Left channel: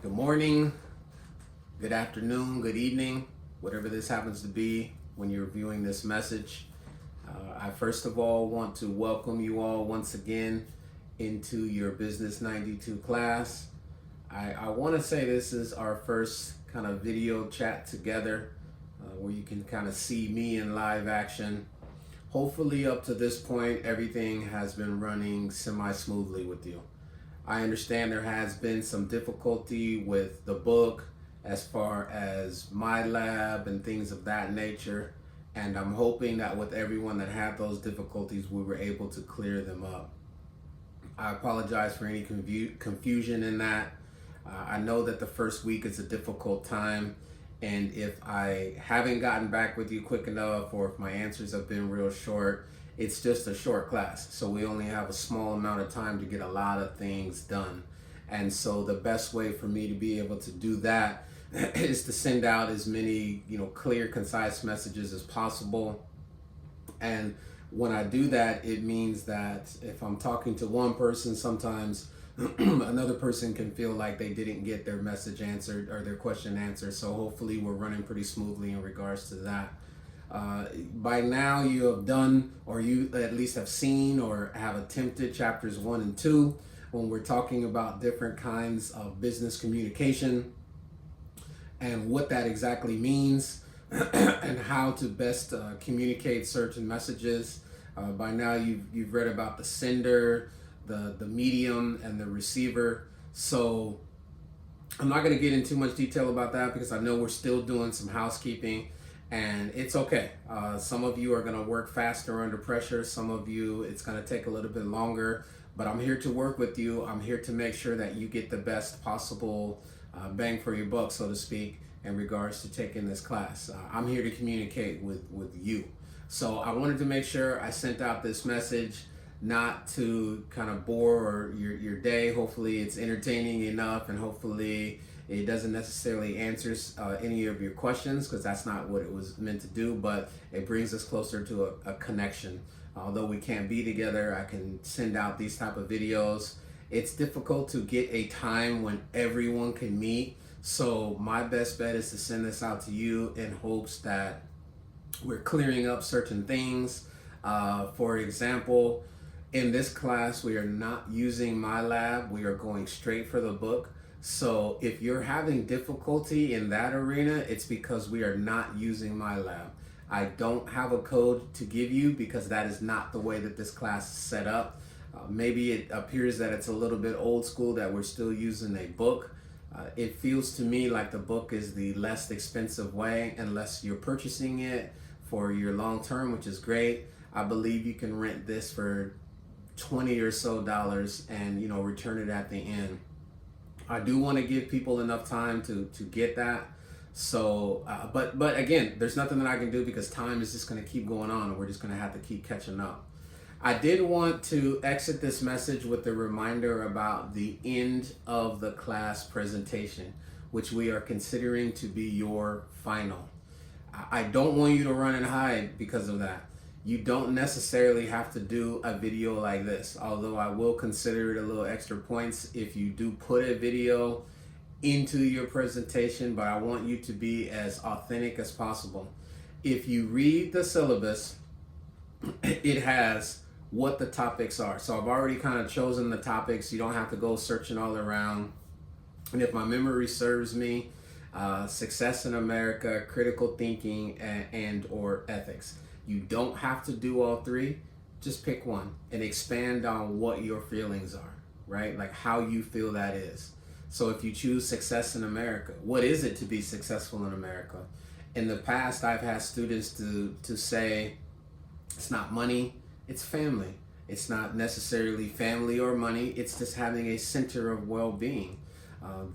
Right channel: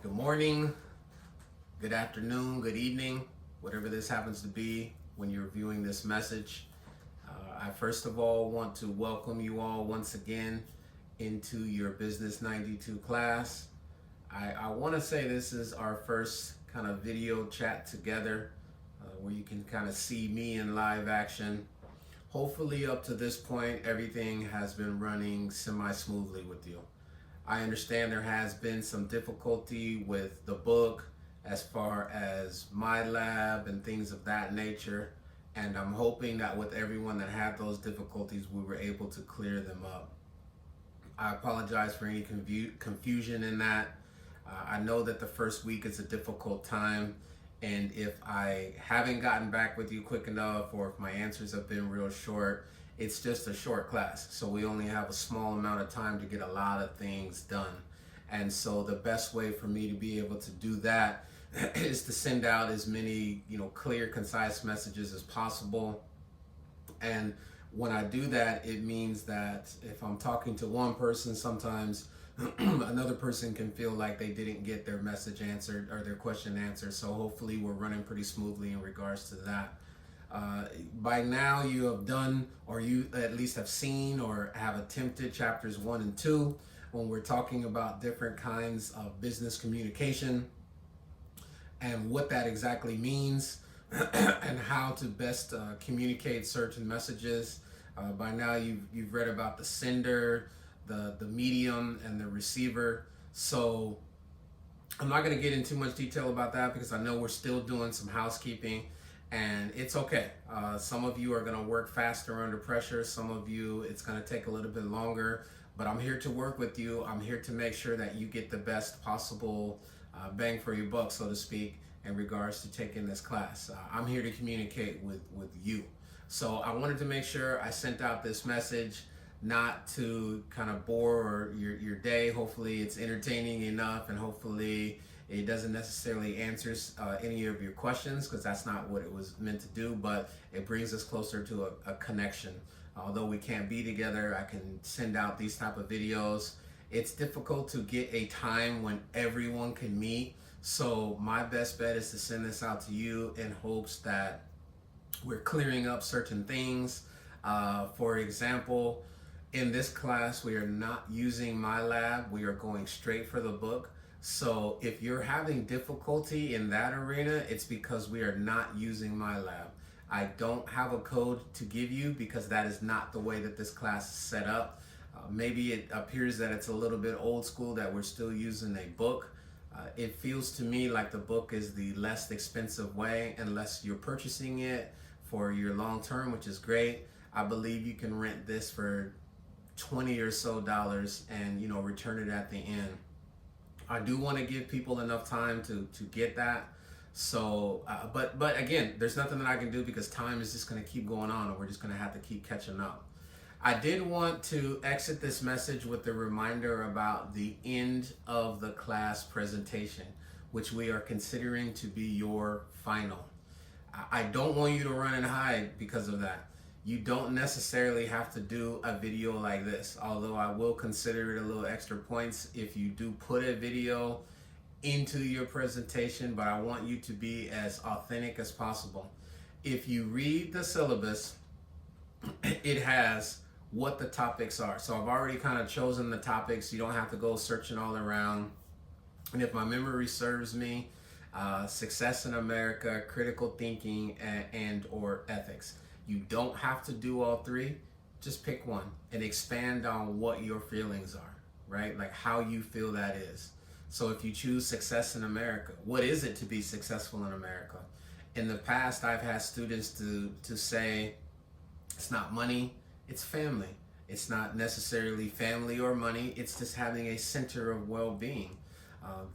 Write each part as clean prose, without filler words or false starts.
Good morning, good afternoon, good evening, whatever this happens to be when you're viewing this message. I first of all want to welcome you all once again into your Business 92 class. I want to say this is our first kind of video chat together where you can kind of see me in live action. Hopefully up to this point, everything has been running semi-smoothly with you. I understand there has been some difficulty with the book as far as my lab and things of that nature. And I'm hoping that with everyone that had those difficulties, we were able to clear them up. I apologize for any confusion in that. I know that the first week is a difficult time. And if I haven't gotten back with you quick enough, or if my answers have been real short, it's just a short class. So we only have a small amount of time to get a lot of things done. And so the best way for me to be able to do that is to send out as many, clear, concise messages as possible. And when I do that, it means that if I'm talking to one person, sometimes another person can feel like they didn't get their message answered or their question answered. So hopefully we're running pretty smoothly in regards to that. By now you have done, or you at least have seen or have attempted chapters 1 and 2 when we're talking about different kinds of business communication and what that exactly means and how to best communicate certain messages. By now you've read about the sender, the medium, and the receiver. So I'm not going to get into much detail about that because I know we're still doing some housekeeping. And it's okay. Some of you are going to work faster under pressure. Some of you, it's going to take a little bit longer. But I'm here to work with you. I'm here to make sure that you get the best possible bang for your buck, so to speak, in regards to taking this class. I'm here to communicate with you. So I wanted to make sure I sent out this message, not to kind of bore your day. Hopefully it's entertaining enough, and hopefully it doesn't necessarily answer any of your questions, because that's not what it was meant to do, but it brings us closer to a connection. Although we can't be together, I can send out these type of videos. It's difficult to get a time when everyone can meet. So my best bet is to send this out to you in hopes that we're clearing up certain things. For example, in this class, we are not using my lab. We are going straight for the book. So if you're having difficulty in that arena, it's because we are not using my lab. I don't have a code to give you because that is not the way that this class is set up. Maybe it appears that it's a little bit old school, that we're still using a book. It feels to me like the book is the less expensive way, unless you're purchasing it for your long term, which is great. I believe you can rent this for $20 or so and return it at the end. I do want to give people enough time to get that. So, but again, there's nothing that I can do because time is just going to keep going on, and we're just going to have to keep catching up. I did want to exit this message with a reminder about the end of the class presentation, which we are considering to be your final. I don't want you to run and hide because of that. You don't necessarily have to do a video like this, although I will consider it a little extra points if you do put a video into your presentation, but I want you to be as authentic as possible. If you read the syllabus, it has what the topics are. So I've already kind of chosen the topics. You don't have to go searching all around. And if my memory serves me, success in America, critical thinking, and or ethics. You don't have to do all three. Just pick one and expand on what your feelings are, right? Like how you feel that is. So if you choose success in America, what is it to be successful in America? In the past, I've had students to say, it's not money, it's family. It's not necessarily family or money, it's just having a center of well-being.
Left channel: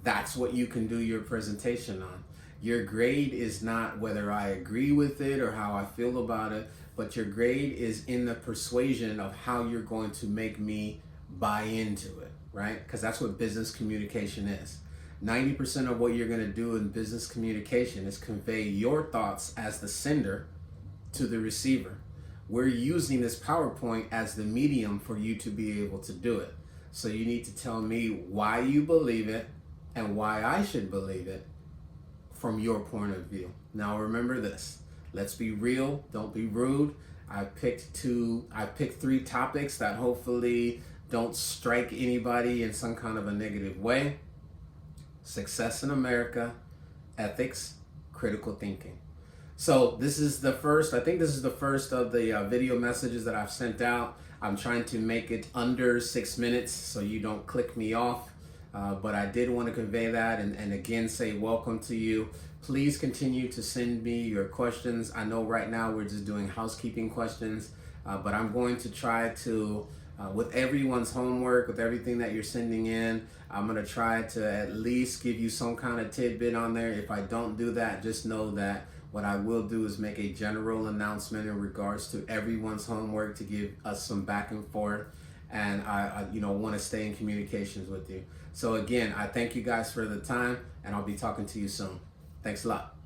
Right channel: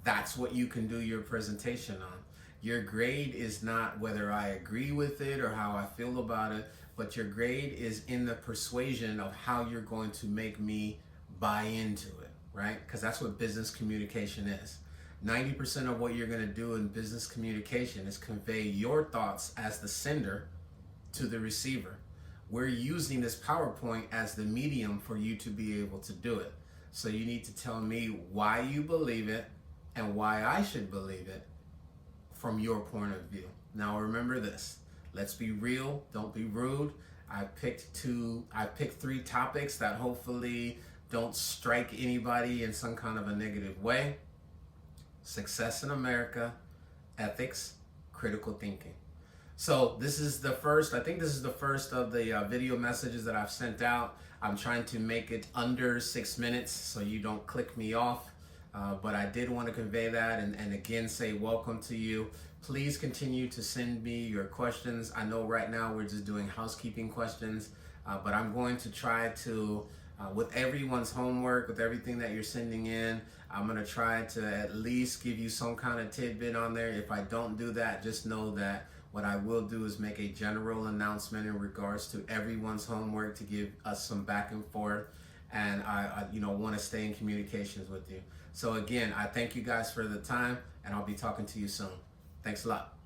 That's what you can do your presentation on. Your grade is not whether I agree with it or how I feel about it, but your grade is in the persuasion of how you're going to make me buy into it, right? Because that's what business communication is. 90% of what you're going to do in business communication is convey your thoughts as the sender to the receiver. We're using this PowerPoint as the medium for you to be able to do it. So you need to tell me why you believe it, and why I should believe it from your point of view. Now remember this, let's be real, don't be rude. I picked 3 topics that hopefully don't strike anybody in some kind of a negative way. Success in America, ethics, critical thinking. So this is the first, I think this is the first of the video messages that I've sent out. I'm trying to make it under 6 minutes so you don't click me off. But I did want to convey that and again say welcome to you. Please continue to send me your questions. I know right now we're just doing housekeeping questions, but I'm going to try to, with everyone's homework, with everything that you're sending in, I'm going to try to at least give you some kind of tidbit on there. If I don't do that, just know that what I will do is make a general announcement in regards to everyone's homework to give us some back and forth. And I want to stay in communications with you. So again, I thank you guys for the time, and I'll be talking to you soon. Thanks a lot.